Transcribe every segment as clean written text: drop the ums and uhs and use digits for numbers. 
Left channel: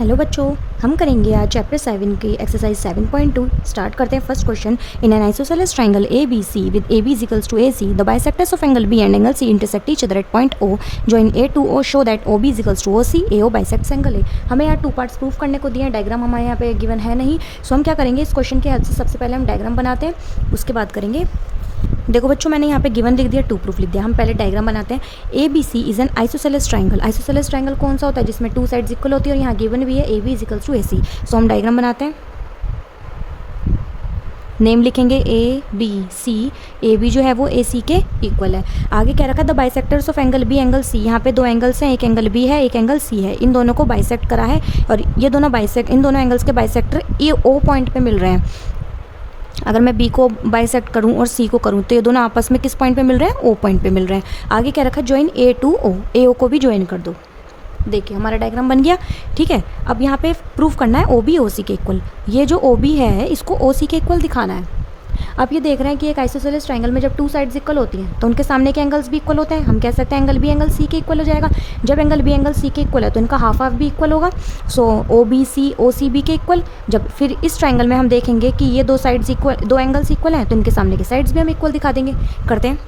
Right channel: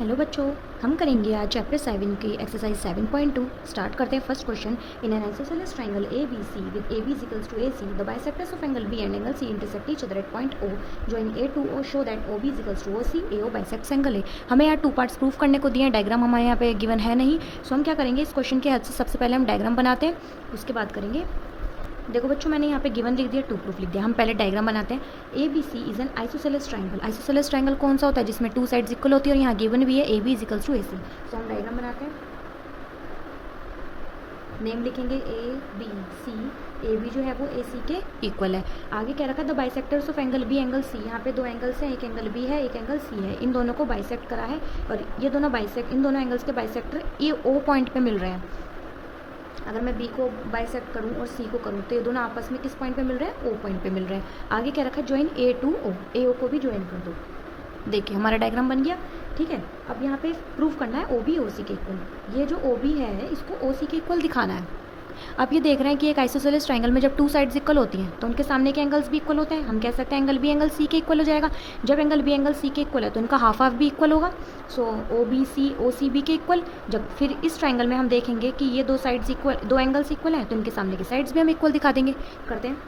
Hello बच्चों, हम करेंगे आज चैप्टर 7 की एक्सरसाइज 7.2। स्टार्ट करते हैं first question. In an isosceles triangle A B C with A B is equals to A C the bisectors of angle B and angle C intersect each other at point O join A to O show that O B is equals to O C A O bisects angle A. हमें यहाँ 2 parts proof करने को दिए हैं। Diagram हमारे यहाँ पे given है नहीं, सो हम क्या करेंगे, इस क्वेश्चन के हद से सबसे पहले हम डायग्राम बनाते हैं, उसके बाद करेंगे। देखो बच्चों, मैंने यहाँ पे गिवन लिख दिया, 2 प्रूफ लिख दिया। हम पहले डायग्राम बनाते हैं। A B C is an isosceles triangle. Isosceles triangle कौन सा होता है? जिसमें 2 साइड्स इक्वल होती है, और यहाँ गिवन भी है A B is equals to A C. So हम डायग्राम बनाते हैं, नेम लिखेंगे ए बी सी। ए बी जो है वो ए सी के इक्वल है। आगे क्या रखा? The bisectors of angle B angle C. यहाँ पे 2 एंगल्स हैं, एक एंगल बी है, एक एंगल सी है। इन दोनों को बाइसेक्ट करा है, और ये दोनों इन दोनों एंगल्स के बाइसेक्टर ये ओ पॉइंट पे मिल रहे हैं। अगर मैं बी को बाइसेक्ट करूं और सी को करूं तो ये दोनों आपस में किस पॉइंट पे मिल रहे हैं? ओ पॉइंट पे मिल रहे हैं। आगे क्या रखा? ज्वाइन ए टू ओ। ए ओ को भी ज्वाइन कर दो। देखिए हमारा डायग्राम बन गया। ठीक है, अब यहाँ पे प्रूफ करना है ओ बी ओ सी के इक्वल। ये जो ओ बी है इसको ओ सी के इक्वल दिखाना है। आप ये देख रहे हैं कि एक आइसोसेलेस ट्रायंगल में जब 2 साइड्स इक्वल होती हैं तो उनके सामने के एंगल्स भी इक्वल होते हैं। हम कह सकते हैं एंगल बी एंगल सी के इक्वल हो जाएगा। जब एंगल बी एंगल सी के इक्वल है तो इनका हाफ हाफ भी इक्वल होगा। सो ओ बी सी ओ सी बी के इक्वल। जब फिर इस ट्रायंगल में हम देखेंगे कि ये 2 साइड्स इक्वल, 2 एंगल्स इक्वल हैं, तो इनके सामने के साइड्स भी हम इक्वल दिखा देंगे। करते हैं।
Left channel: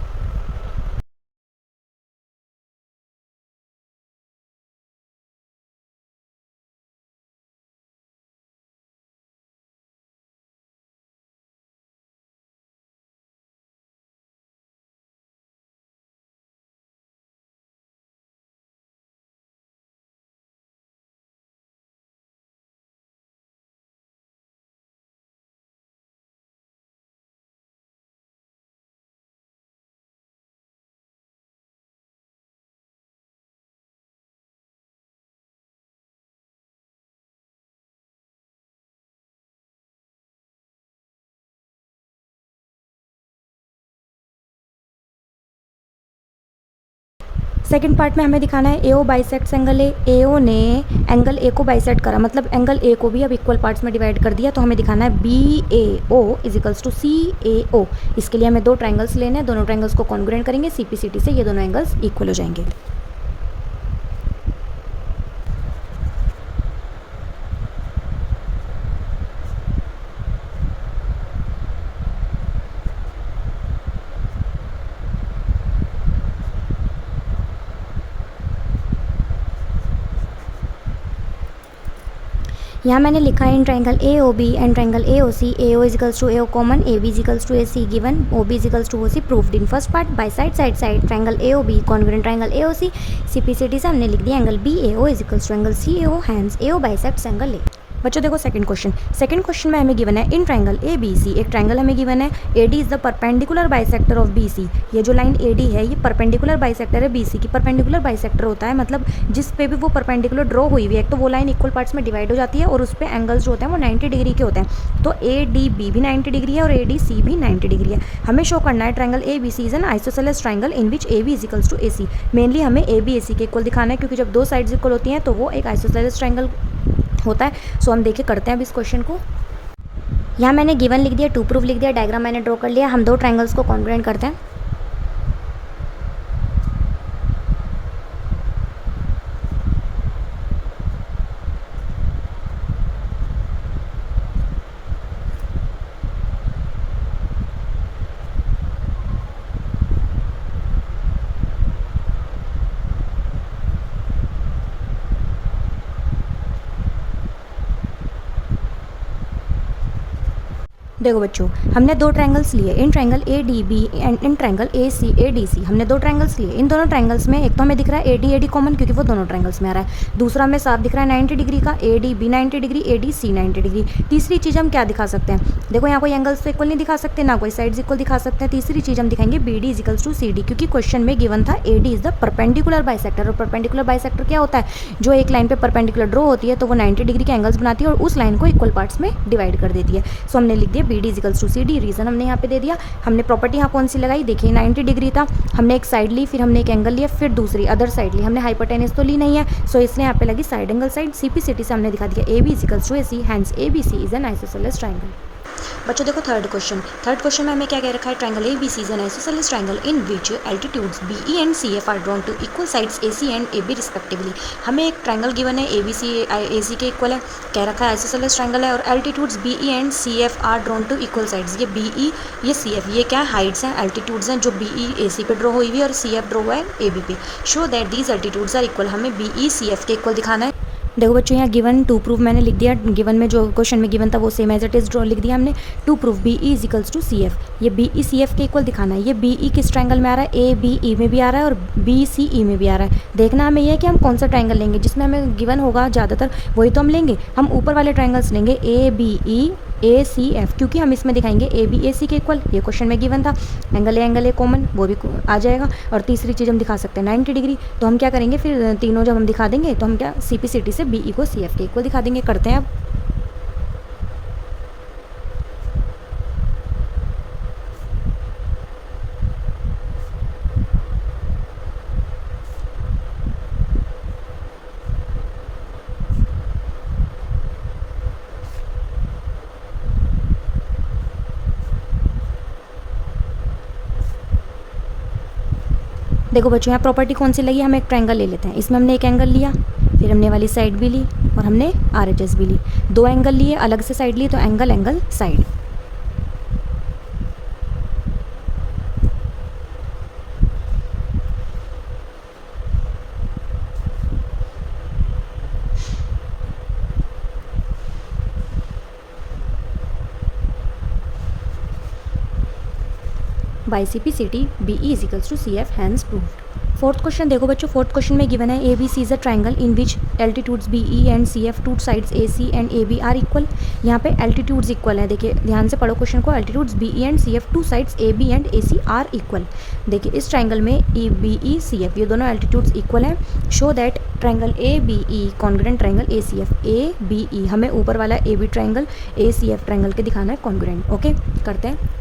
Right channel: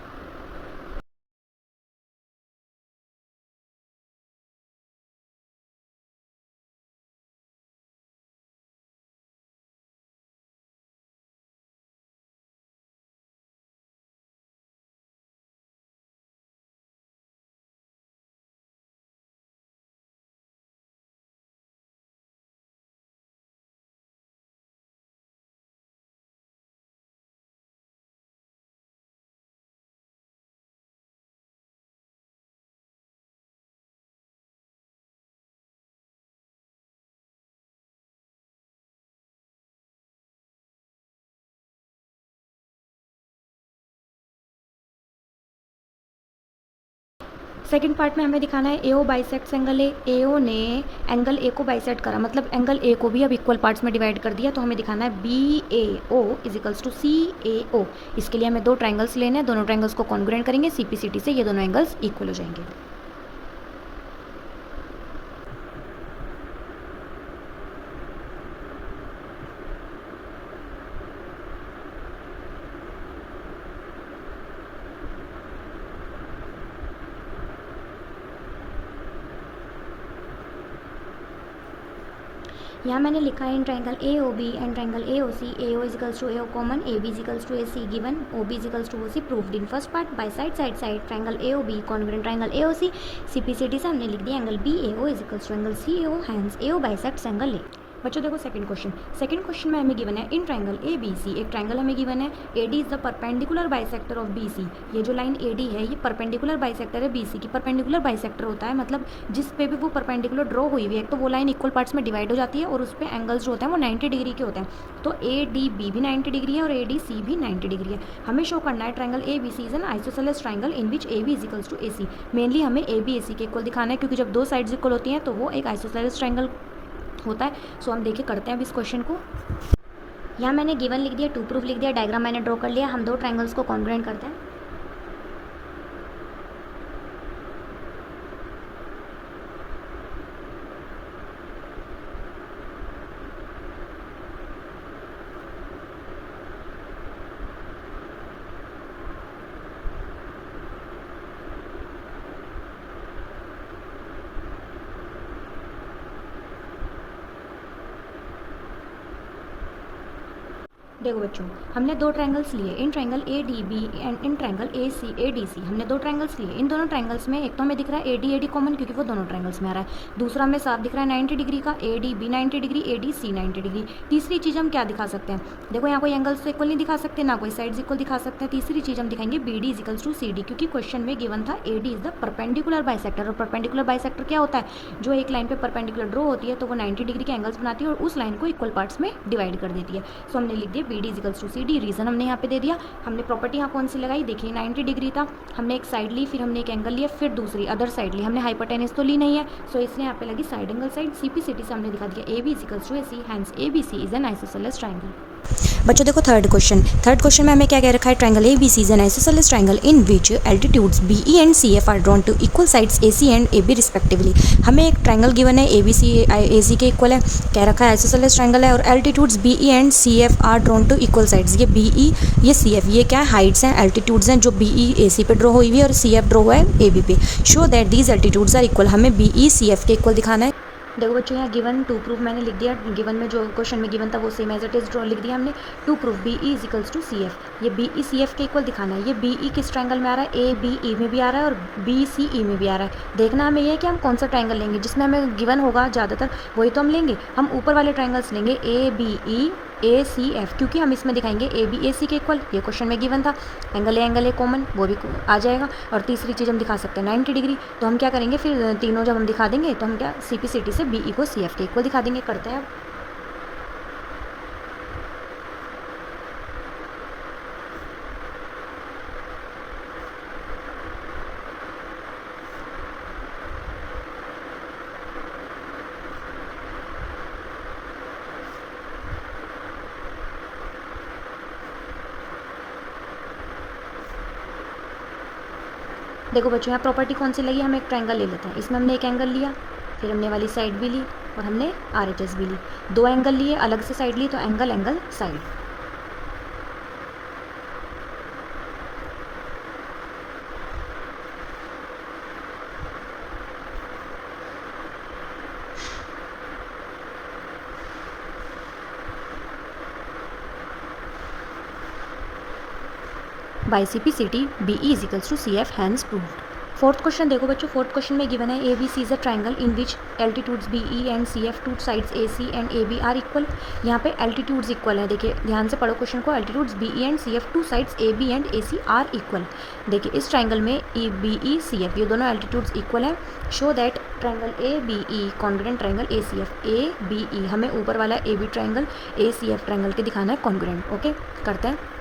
सेकंड पार्ट में हमें दिखाना है ए ओ बाइसेक्ट्स एंगल ए। ए ओ ने एंगल ए को बाइसेक्ट करा, मतलब एंगल ए को भी अब इक्वल पार्ट्स में डिवाइड कर दिया। तो हमें दिखाना है B A O is equals to C A O. इसके लिए हमें 2 ट्रायंगल्स लेने हैं, दोनों ट्रायंगल्स को कॉन्ग्रुएंट करेंगे, सी पी सी टी से ये दोनों एंगल्स इक्वल हो जाएंगे। यहाँ मैंने लिखा है in triangle A O B and triangle A O C, A O equals to A O common, A B equals to A C given, O B equals to O C proved. In first part by side side side triangle A O B congruent triangle A O C. C P C T से हमने लिख दिया angle B A O equals to angle C A O, hence A O bisects angle A. बच्चों देखो second question में हमें given है in triangle A B सी, एक ट्रायंगल हमें गिवन है A D is the perpendicular bisector of B C. ये जो लाइन ए डी है ये परपेंडिकुलर बाइसेक्टर है बी सी की। परपेंडिकुलर बाइसेक्टर होता है मतलब जिस पे भी वो परपेंडिकुलर ड्रॉ हुई हुई है, तो वो लाइन इक्वल पार्ट्स में डिवाइड हो जाती है और उस पर एंगल्स जो होते हैं वो 90 डिग्री के होते हैं। तो ए डी बी भी 90 डिग्री है और ए डी सी भी 90 डिग्री है। हमें शो करना है triangle A B C is an isosceles triangle in which A B is equals to A C. Mainly हमें ए बी ए सी के इक्वल दिखाना है, क्योंकि जब 2 साइड्स इक्वल होती हैं तो वो एक आइसोसेलेस ट्रायंगल होता है। सो हम देखिए करते हैं अब इस क्वेश्चन को। यहाँ मैंने गिवन लिख दिया, 2 प्रूफ लिख दिया, डायग्राम मैंने ड्रॉ कर लिया। हम 2 ट्रायंगल्स को कॉन्ग्रुएंट करते हैं। देखो बच्चों, हमने 2 ट्रायंगल्स लिए, in triangle A D B and in triangle A D C. हमने 2 ट्रायंगल्स लिए। इन दोनों ट्रायंगल्स में एक तो हमें दिख रहा है ए डी कॉमन, क्योंकि वो दोनों ट्रायंगल्स में आ रहा है। दूसरा हमें साफ दिख रहा है 90 डिग्री का, A D B 90 degree, A D C 90 degree. तीसरी चीज़ हम क्या दिखा सकते हैं? देखो यहाँ कोई एंगल्स तो इक्वल नहीं दिखा सकते, ना कोई साइड्स इक्वल दिखा सकते हैं। तीसरी चीज़ हम दिखाएंगे B D equals to C D, क्योंकि क्वेश्चन में गिवन था A D is the perpendicular bisector. और परपेंडिकुलर बाइसेक्टर क्या होता है? जो एक लाइन पे परपेंडिकुलर ड्रॉ होती है तो वो 90 डिग्री के एंगल्स बनाती है और उस लाइन को इक्वल पार्ट्स में डिवाइड कर देती है। सो हमने लिख दिया B D equals to C D. Reason हमने यहाँ पे दे दिया। हमने प्रॉपर्टी यहाँ कौन सी लगाई? देखिए 90 डिग्री था, हमने एक साइड ली, फिर हमने एक एंगल लिया, फिर दूसरी अदर साइड ली। हमने हाइपोटेनस तो ली नहीं है, सो इसने यहाँ पे लगी साइड एंगल साइड। सीपीसीटी से हमने दिखा दिया A B equals to A C, hence A B C is an isosceles triangle. बच्चों देखो थर्ड क्वेश्चन में हमें क्या कह रखा है, triangle A B C is an isosceles triangle in which altitudes B E and C F are drawn to equal sides A C and A B respectively. हमें एक ट्रायंगल गिवन है, A B C A C के equal है, कह रखा है isosceles triangle है और altitudes B E and C F are drawn to equal sides. ये बी ई ये सी एफ ये क्या है, हाइट्स हैं, एल्टीट्यूड्स हैं, जो बी ई ए सी पे ड्रॉ हुई हुई है और सी एफ ड्रॉ हुआ है ए बी पे। Show that these altitudes are equal, हमें बी ई सी एफ के इक्वल दिखाना है। देखो बच्चों यहाँ गिवन टू प्रूफ मैंने लिख दिया, गिवन में जो क्वेश्चन में गिवन था वो same as it is draw लिख दिया हमने। To proof B E is equals to C F, ये बी ई सी एफ के इक्वल दिखाना है। ये बी ई किस ट्रायंगल में आ रहा है, ए बी ई में भी आ रहा है और बी सी ई में भी आ रहा है। देखना हमें ये कि हम कौन सा ट्रायंगल लेंगे, जिसमें हमें गिवन होगा ज़्यादातर वही तो हम लेंगे। हम ऊपर वाले ट्रायंगल्स लेंगे ए बी ई ए सी एफ, क्योंकि हम इसमें दिखाएंगे ए बी ए सी के इक्वल, ये क्वेश्चन में गिवन था। एंगल ए कॉमन वो भी आ जाएगा। और तीसरी चीज़ हम दिखा सकते हैं 90 डिग्री। तो हम क्या करेंगे फिर, तीनों जब हम दिखा देंगे तो हम क्या सी पी सी टी से बी ई को सी एफ के इक्वल दिखा देंगे। करते हैं अब। देखो बच्चों यहाँ प्रॉपर्टी कौन सी लगी, हम एक ट्रायंगल ले लेते हैं। इसमें हमने एक एंगल लिया, फिर हमने वाली साइड भी ली और हमने आर एच एस भी ली। दो एंगल लिए, अलग से साइड ली, तो angle side. By C P C T B E is equals to C F, hence proved. Fourth question देखो बच्चों, फोर्थ क्वेश्चन में गिवन है A B C is a triangle in which altitudes B E and C F to sides A C and A B are equal. यहाँ पे altitudes equal है, देखिए ध्यान से पढ़ो क्वेश्चन को। Altitudes B E and C F to sides A B and A C are equal. देखिए इस ट्रायंगल में E B E C F ये दोनों एल्टीट्यूड्स इक्वल हैं। Show that triangle A B E congruent triangle A C F, A B E हमें ऊपर वाला A B triangle A C F triangle के दिखाना है कॉन्ग्रुएंट। ओके करते हैं।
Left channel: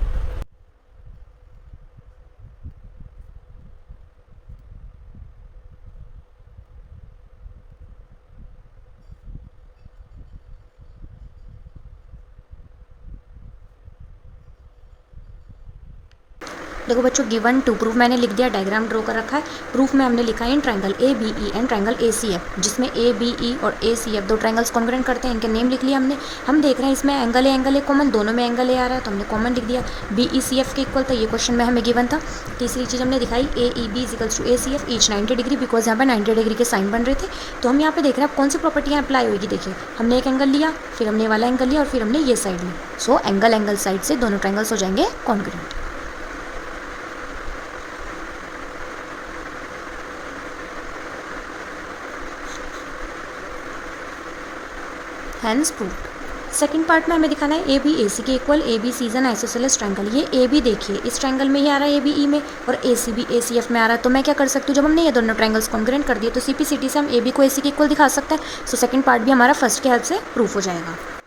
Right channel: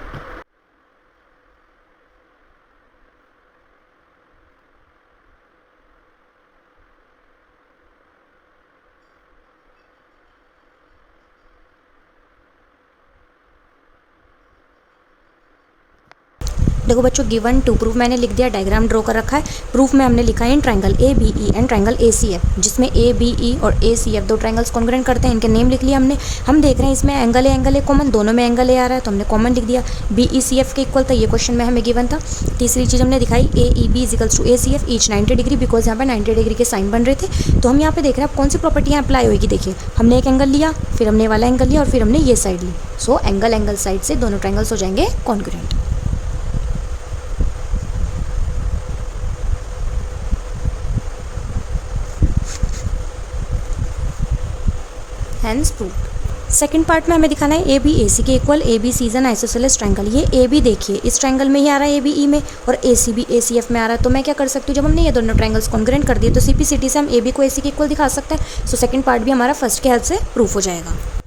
देखो बच्चों गिवन टू प्रूफ मैंने लिख दिया, डायग्राम ड्रॉ कर रखा है। प्रूफ में हमने लिखा है in triangle A B E and triangle A C F, जिसमें ए बी ई और ए सी एफ दो ट्रायंगल्स कॉन्ग्रुएंट करते हैं। इनके नेम लिख लिया हमने। हम देख रहे हैं इसमें एंगल ए कॉमन, दोनों में एंगल ए आ रहा है तो हमने कॉमन लिख दिया। बी ई सी एफ के इक्वल था, ये क्वेश्चन में हमें गिवन था। तीसरी चीज़ हमने दिखाई A E B is equals to A C F each 90 degree, because यहाँ पर 90 डिग्री के साइन बन रहे थे। तो हम यहाँ पे देख रहे हैं अब कौन सी प्रॉपर्टी यहाँ अप्लाई होगी। देखिए हमने एक एंगल लिया, फिर हमने वाला एंगल लिया और फिर हमने ये साइड ली। सो एंगल साइड से दोनों ट्रायंगल्स हो जाएंगे congruent. Hence proved. Second part में हमें दिखाना है ए बी ए सी के equal, A B C is an isosceles triangle. ये ए बी देखिए इस ट्रायंगल में ही आ रहा है ए बी ई में, और A C B A C F में आ रहा है। तो मैं क्या कर सकती हूँ, जब हमने ये दोनों ट्रायंगल्स कॉन्ग्रुएंट कर दिए तो सी पी सी टी से हम ए बी को ए सी के इक्वल दिखा सकते हैं। सो सेकंड पार्ट भी हमारा फर्स्ट के हेल्प से प्रूफ हो जाएगा।